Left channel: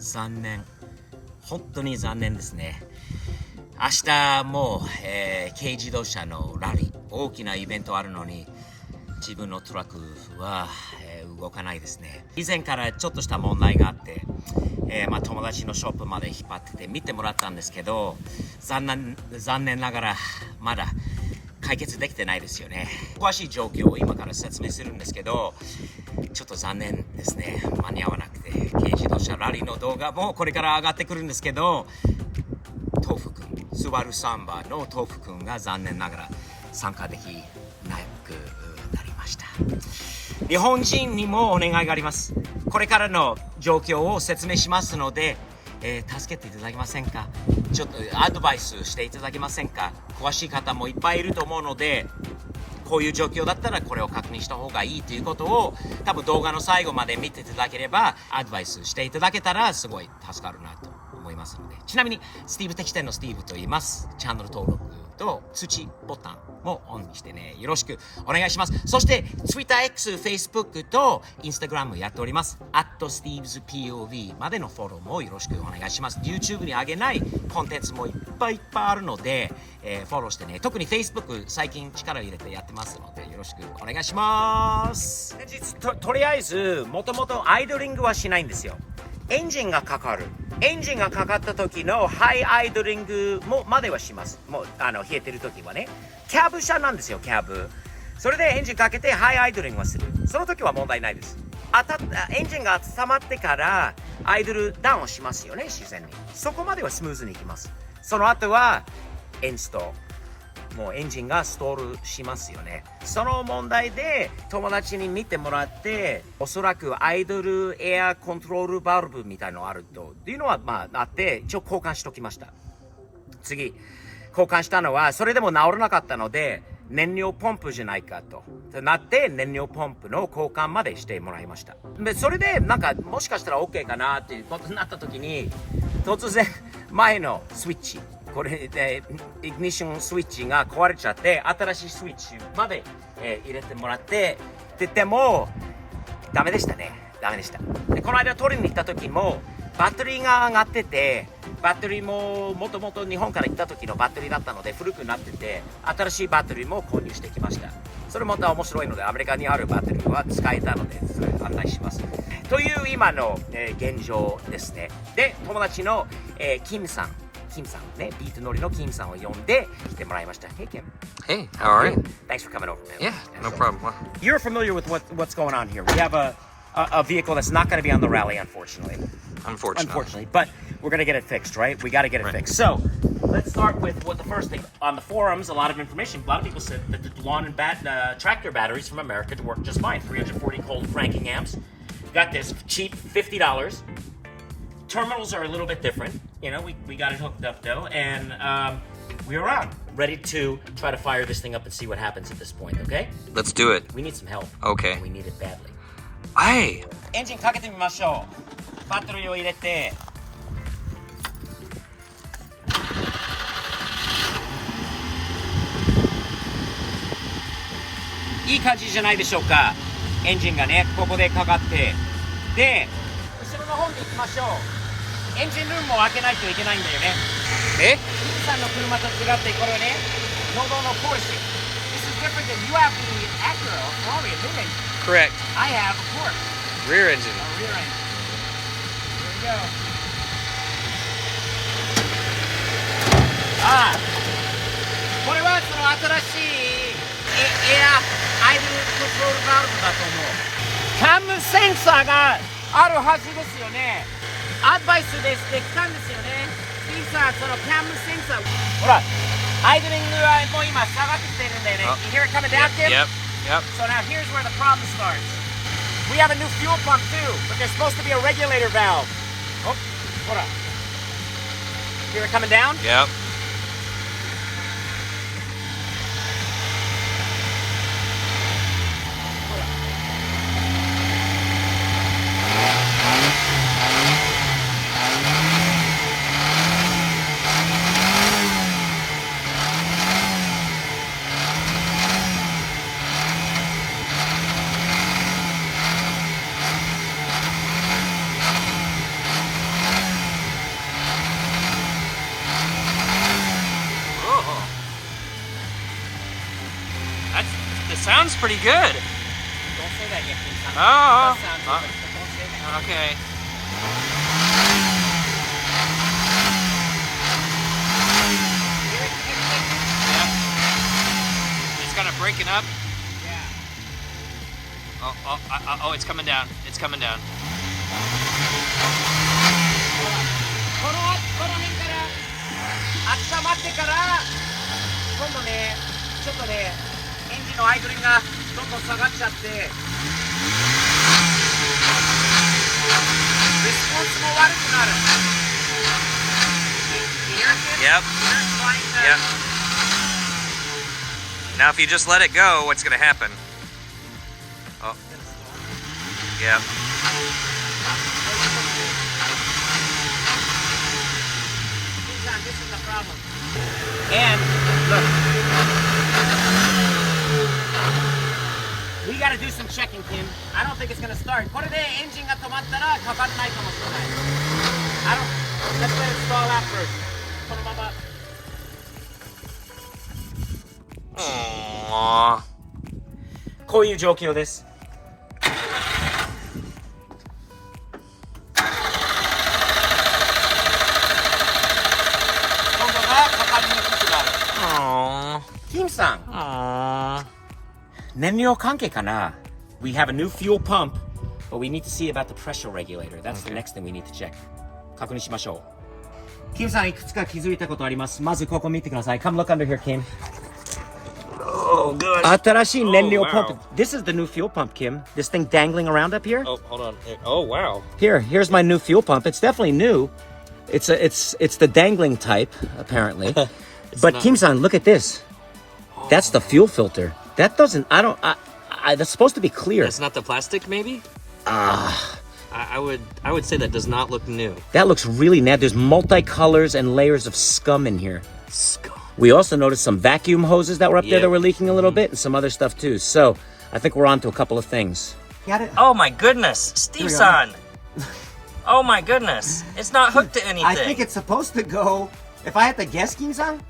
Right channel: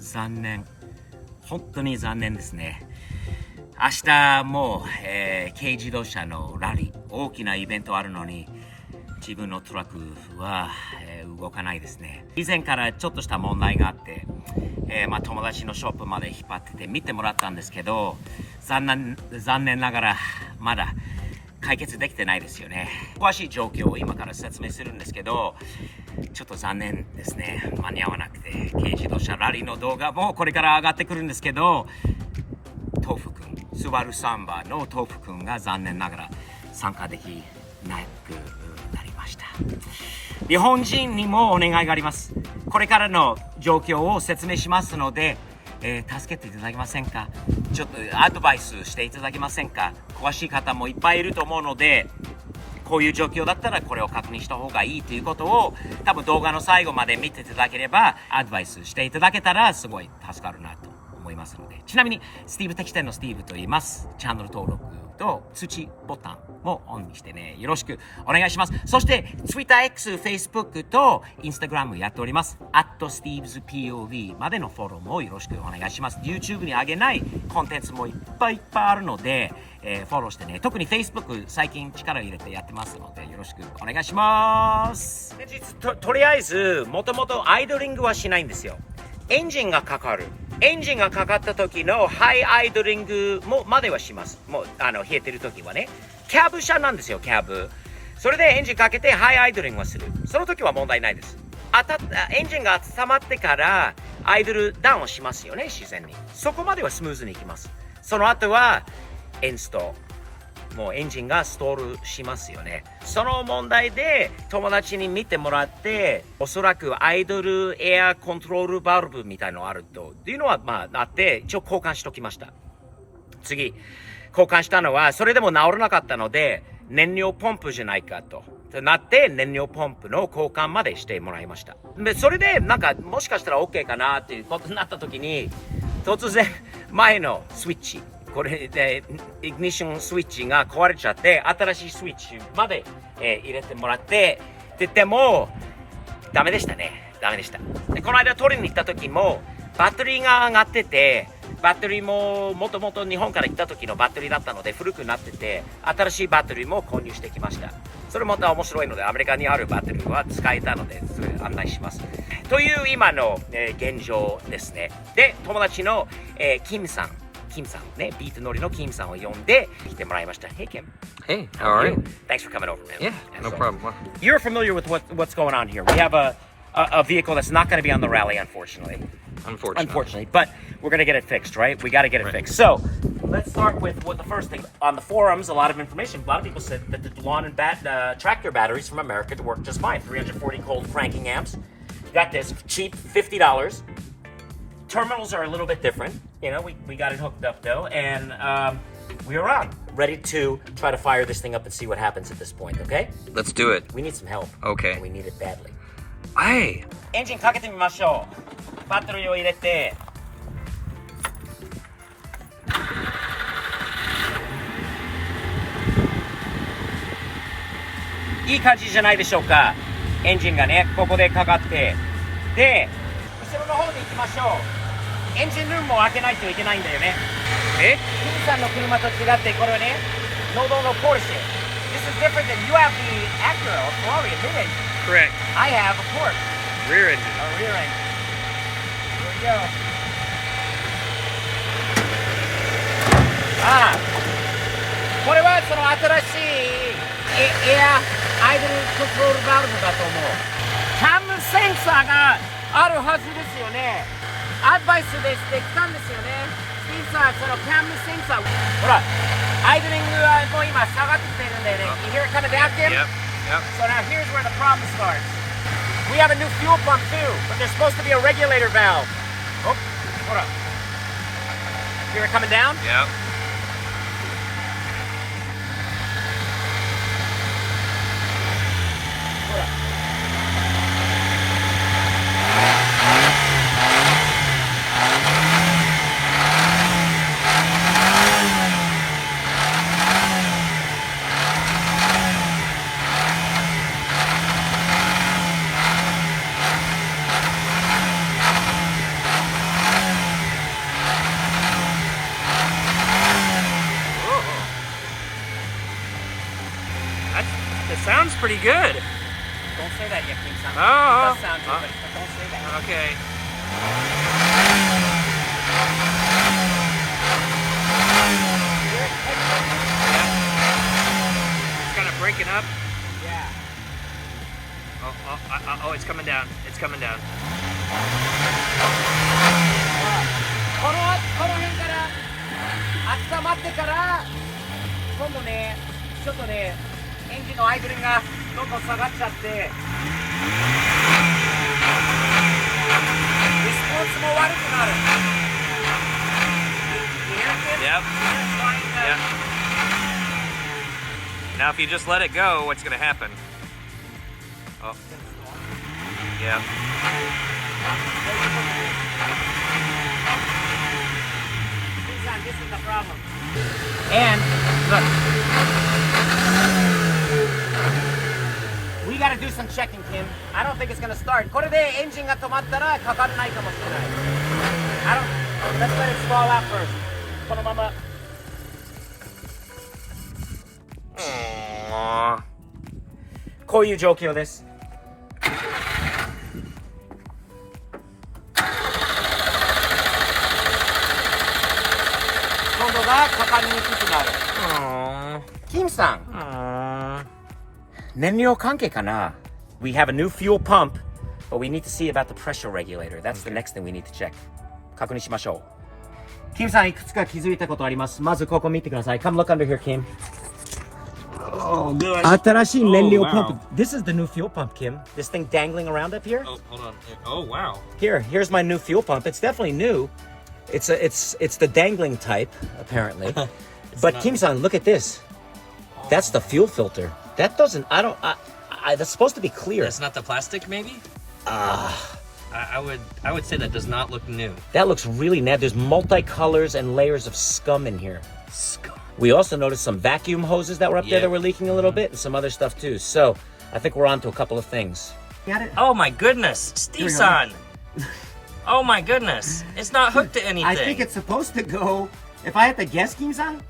残念。本当に残念ですね。明日も、軽自動車のラリー、大きなイベントあるのに、自分のトラックは、動かないですね。以前からちょっとした問題があって、友達のショップまで引っ張ってて見てもらったんですけど、残念ながらまだ解決できてないですよね。詳しい状況を今から説明するんですけど、ちょっと残念ですね。間に合わなくて、軽自動車ラリーの動画もこれから上がってくるんですけど、豆腐くん、スバルサンバの豆腐くんが残念ながら参加できなくなりました。日本人にもお願いがあります。これからの状況を説明しますので、助けていただけませんか？ちょっとアドバイスしていただけませんか？詳しい方もいっぱいいると思うので、こういう状況だったらこれを確認した方がいいということを多分動画の最後まで見ていただければアドバイスしていただけたらすごい助かるなと思いますので。ちなみにスティーブ適店のスティーブと言います。チャンネル登録と通知ボタンもオンにしてね、よろしくお願いします。そして TwitterX、Facebook と Instagram やっております。@StevesPOV までのフォローもよろしくお願いします。YouTube に上げないコンテンツもいっぱいあるので、フォローしてね。特に Facebook 最近力入れてやってますのでよろしくお願いします。とりあえずもともとアイドリングはしないんですよ。エンジンがかかる。エンジンがかかった時のハイアイドリングもまではします。もう冷えてる時はね。キャブ車なんですよ、キャブ。それでエンジンかけてハイアイドリングをする。その時は問題ないです。エンジンが温まってからアイドルダウンをしますよね、自然に。そこまではスムーズにいきます。その後はエンスト。もうエンジンがストールしますよね。その問題で友達に見てもらって、おそらくアイドルエアコントロールバルブみたいのあるというのはあって、一応交換しときました。次、交換したのはそれでも治らなかったので、燃料ポンプじゃないかとなって燃料ポンプの交換までしてもらいました。でそれでもしかしたら OK かなっていうことになった時に、突然前のスイッチ、これでイグニッションスイッチが壊れちゃって、新しいスイッチまで、入れてもらってでもダメでしたね。ダメでした。でこの間取りに行った時もバッテリーが上がってて、バッテリーももともと日本から行った時のバッテリーだったので古くなってて、新しいバッテリーも購入してきました。それまた面白いので、アメリカにあるバッテリーは使えたのでそれ案内しますという今の、現状ですね。で友達の、キムさんね、ビート乗りのキムさんを呼んで来てもらいました。Hey Kim. Hey, how are you? Thanks for coming over, man. Yeah, no problem. You're familiar with what's going on here. We have a vehicle that's not going to be on the rally, unfortunately. Unfortunately, but we're going to get it fixed, right? We got to get it fixed. So let's start with what the first thing. On the forums, a lot of information. A lot of people said that the lawn and tractor batteries from America work just fine. 340 cold cranking amps. Got this cheap, $50. Terminals are a little bit different. You know, we got it hooked up though, and we're on. Ready to try to fire this thing up and see what happens at this point, okay? Let's do it. We need some help. Okay. And we need it badly. Hey. エンジンかけてみましょう。バッテリーを入れて。いい感じじゃないでしょうか。エンジンがね、ここでかかって。で、後ろの方に行きましょう。エンジンルームも開けないといけないんだよね。え？キムさんの車と違って、これはね、ノードのポルシェ。This is different than you have the Acura or Ferrari, a mid-engine. Correct. I have, of course. Rear engine. A rear engine. Here we go. これはその新しいエアアイドルコントロールバルブだと思う。キャムセンサーがあるはずですよね。アドバイスでしてきたんですよね。スティーさん、そのキャムセンサー。ほら、アイドリングはもう今下がってきてるんだよね。You hear it coming down, Tim? Yep. So now here's where the problem starts. We have a new fuel pump too, but there's supposed to be a regulator valve. Oh, hold on. Hear it coming down? Yep. Hold on. sounds pretty good. Don't say that yet, Kim-san. Oh. It does sound good, but don't say that. Okay. It's kind of breaking up. Yeah. Oh, it's coming down. It's coming down. この辺から温まってから今度ねちょっとねエンジンのアイドリングがどんどん下がっちゃってリスポンスも悪くなる。Yep. Yep. Now, if you just let it go, what's going to happen? Oh. Yep. This is the problem. And we gotta do some checking, Kim. I don't think it's gonna start. これでエンジンが止まったらかからないかもしれない。Let's let it stall out first. このまま。Aww. こういう状況です。キムさん、燃料関係かな We have a new fuel pump, but we need to see about the pressure regulator. That's the next thing we need to check. 確認しましょう。キムさん、いくつか気づいたことあります。まずここ見てください。Come look under here, Kim. Oh, good. 新しい燃料パンプ。This is the new fuel pump, Kim. This thing dangling around up here. Oh, hold on. Oh, wow. Here's my new fuel pump. It's definitely new. It's the dangling type, apparently. But Kim-san, look at this. That's the fuel filter. That doesn't. That's supposed to be clear. That's not the plastic, maybe? I would say that does not look new. That looks really nasty. There's multicolors and layers of scum in here. Scum. We also noticed some vacuum hoses that were up there Yep. that were leaking a little bit, and some other stuff too. So I think we're on to a couple of things. Got it. Oh my goodness, Steve-san. Oh my goodness. It's not hooked to anything. I think it's supposed to go. If I had to guess, Kim-san,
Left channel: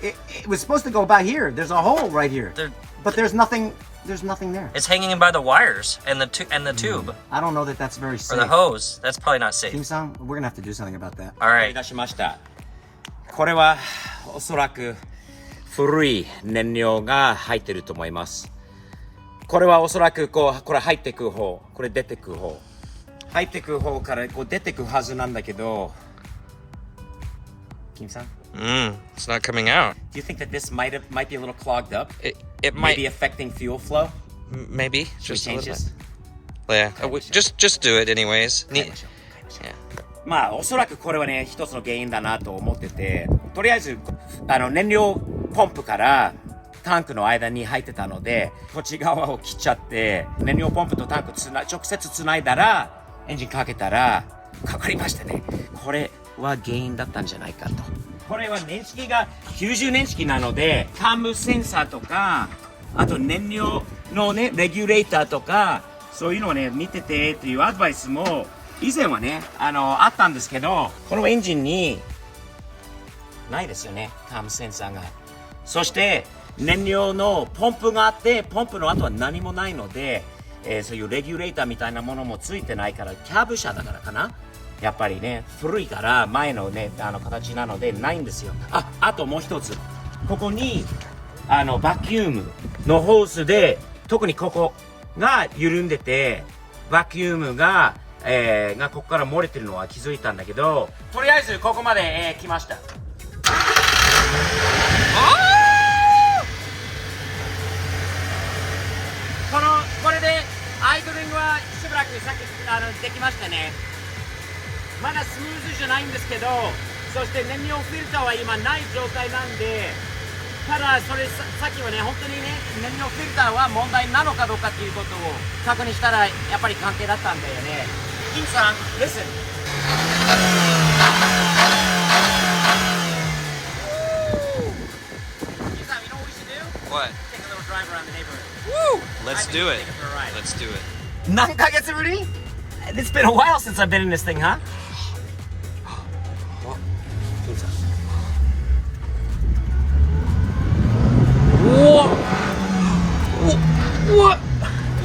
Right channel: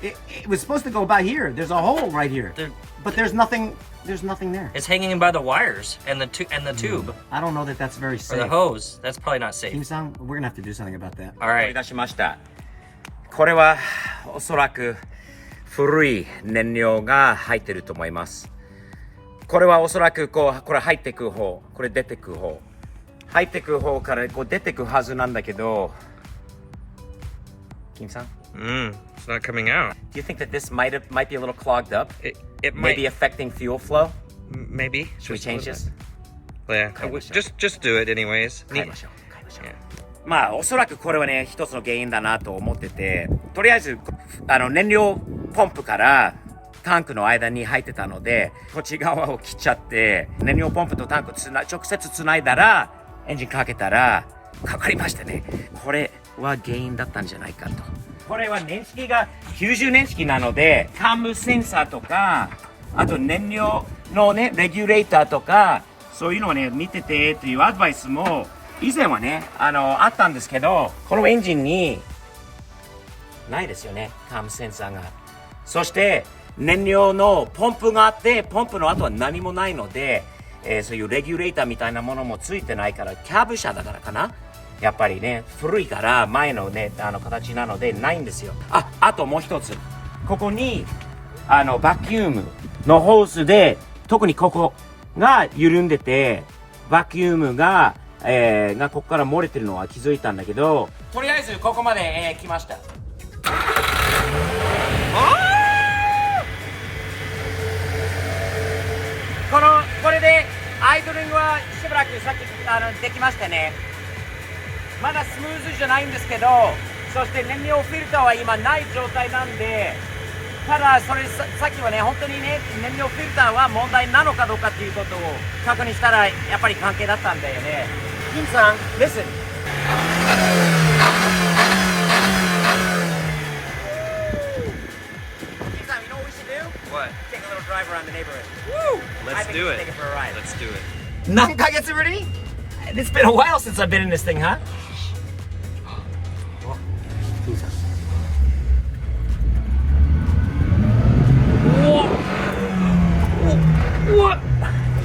it was supposed to go by here. There's a hole right here, but there's nothing. There's nothing there. It's hanging by the wires and the tube I don't know that that's very or safe. the hose. That's probably not safe. Kim-san, we're gonna have to do something about that. All right. 出しました。これはおそらく古い燃料が入ってると思います。これはおそらくこれ入ってく方、これ出てく方、入ってく方から出てくはずなんだけど、キムさん。It's not coming out. Do you think that this might be a little clogged up? It might Maybe affecting fuel flow? maybe. Should we Just a change little this? bit. Yeah. Just do it anyways. 変えましょう。まあおそらくこれはね一つの原因だなと思ってて、とりあえず燃料ポンプからタンクの間に入ってたので、こっち側を切っちゃって燃料ポンプとタンク直接つないだらエンジンかけたらかかりましたね。これは原因だったんじゃないかと。これは年式が90年式なので、カムセンサーとか、あと燃料のねレギュレーターとかそういうのをね見ててというアドバイスも以前はねあったんですけど、このエンジンにないですよね、カムセンサーが。そして燃料のポンプがあって、ポンプの後は何もないので、そういうレギュレーターみたいなものもついてないから、キャブ車だからかな、やっぱりね古いから前のね形なのでないんですよ。あともう一つ、ここにバキュームのホースで特にここが緩んでて、バキュームがここから漏れてるのは気づいたんだけど、とりあえずここまで、来ました。これでアイドリングはしばらくさっきできましたね。まだスムーズじゃないんですけど、そして燃料フィルターは今ない状態なんで、ただそれさっきはね本当にね燃料フィルターは問題なのかどうかっていうことを確認したらやっぱり関係だったんだよね。キムさん、listen。What? Take a little drive around the neighborhood. Woo! Let's I think do you it. take it for a ride. Let's do it. 何ヶ月ぶり? It's been a while since I've been in this thing, huh? What?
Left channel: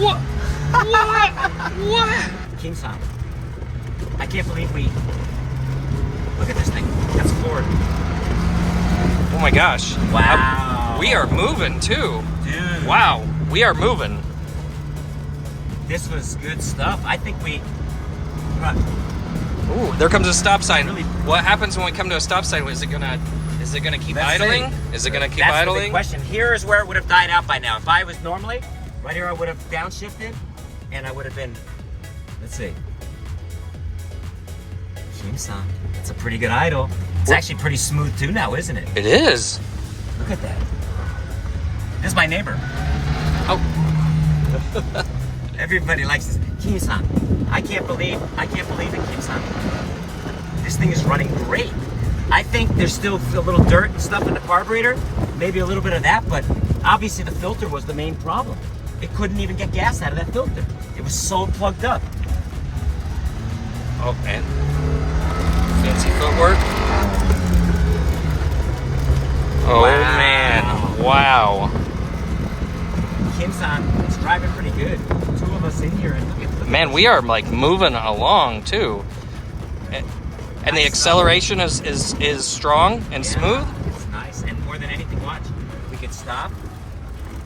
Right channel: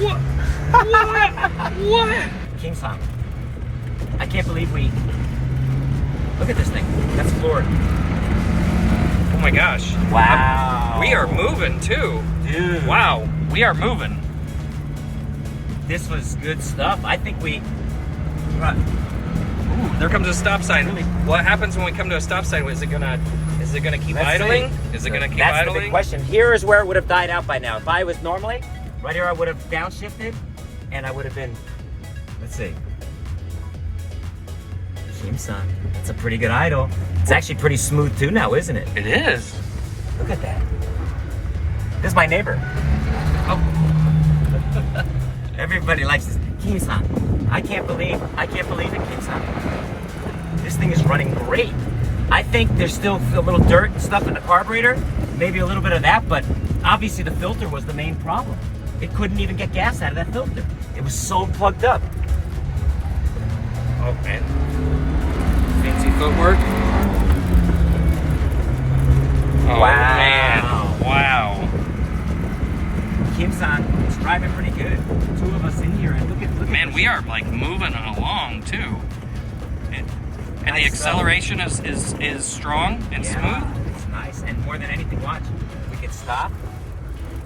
What? What? What? King-san, I can't believe we... Look at this thing. That's floored. Oh my gosh. Wow. We are moving too. Dude. Wow. We are moving. This was good stuff. I think we... Ooh, there comes a stop sign. Really? What happens when we come to a stop sign? Is it gonna keep Let's idling? see. Is it gonna keep That's the big idling? question. Here is where it would have died out by now. If I was normally, right here I would have downshifted, and I would have been... Let's see. Kim-san, that's a pretty good idle. It's actually pretty smooth too now, isn't it? It is. Look at that. This is my neighbor. Oh. Everybody likes this. Kimi-san, I can't believe it, Kimi-san. This thing is running great. I think there's still a little dirt and stuff in the carburetor, maybe a little bit of that, but obviously the filter was the main problem. It couldn't even get gas out of that filter. It was so plugged up. Oh man. Fancy footwork. Oh Wow. man. Wow. Kim-san, it's driving pretty good. Two of us in here, and look at Man, we are like moving along too. And the Nice acceleration is strong and Yeah, smooth. It's nice, and more than anything, watch. We can stop,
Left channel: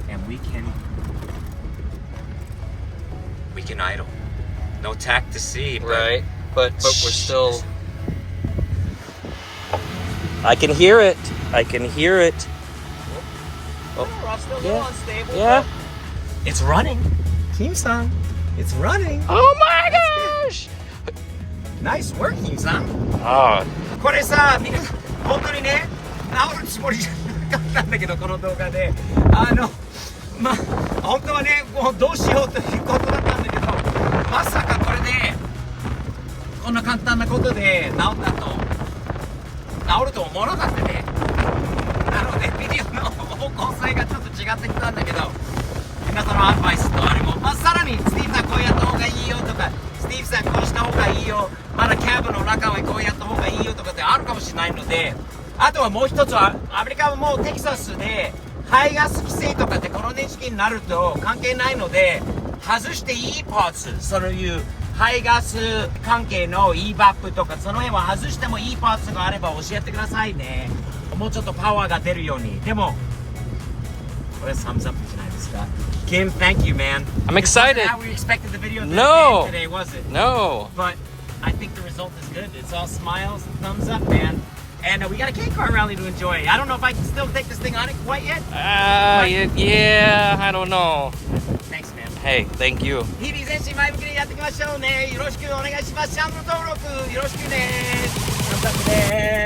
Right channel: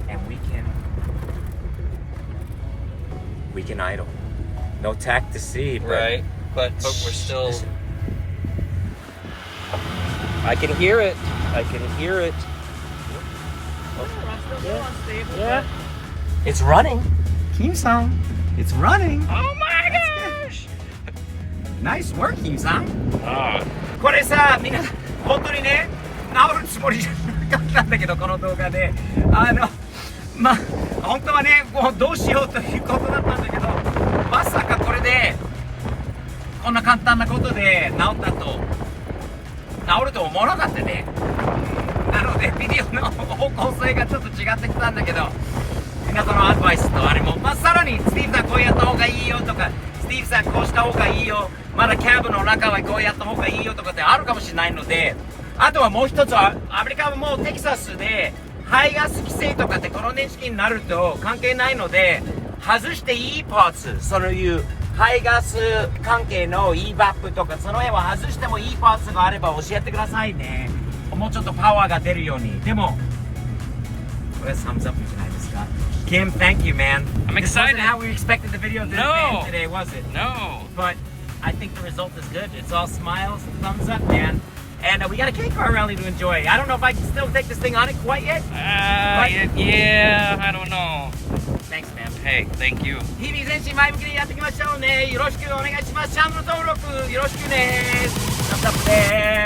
and we can idle. No tack to see, but Right. But we're still. I can hear it. I can hear it. we're still Yeah. going stable. Yeah. It's running. Kim-san, it's running. Oh my gosh! Nice work, Kim-san. Oh, これさ、みんな本当にね、治るつもりじゃなかったんだけど、この動画で、まあ本当はね、もうどうしようということだったんだけど、まさかこれでこんな簡単なことで治ったと治ると思わなかったね。なのでビデオの方向性がちょっと違ってきたんだけど、皆さんのアドバイスとあれも、まあ、さらにスティーブさんこうやった方がいいよとか、スティーブさんこうした方がいいよ、まだキャブの中はこうやった方がいいよとかってあるかもしれないので、あとはもう一つはアメリカはもうテキサスで排ガス規制とかってこの年式になると関係ないので、外していいパーツ、そういう排ガス関係の EVAP とかその辺は外してもいいパーツがあれば教えてくださいね。もうちょっとパワーが出るように。でもこれはthumbs upじゃないですか。Kim, thank you, man. I'm excited. This wasn't how we expected the video this No. bad today, was it? no. But I think the result is good. It's all smiles, thumbs up, man. And we got a K-car rally to enjoy. I don't know if I can still take this thing on it quite yet. Yeah, I don't know. Thanks, man. Hey, thank you. 日々前進前向きにやっていきましょうね。よろしくお願いします。チャンネル登録よろしくね。thumbs up です。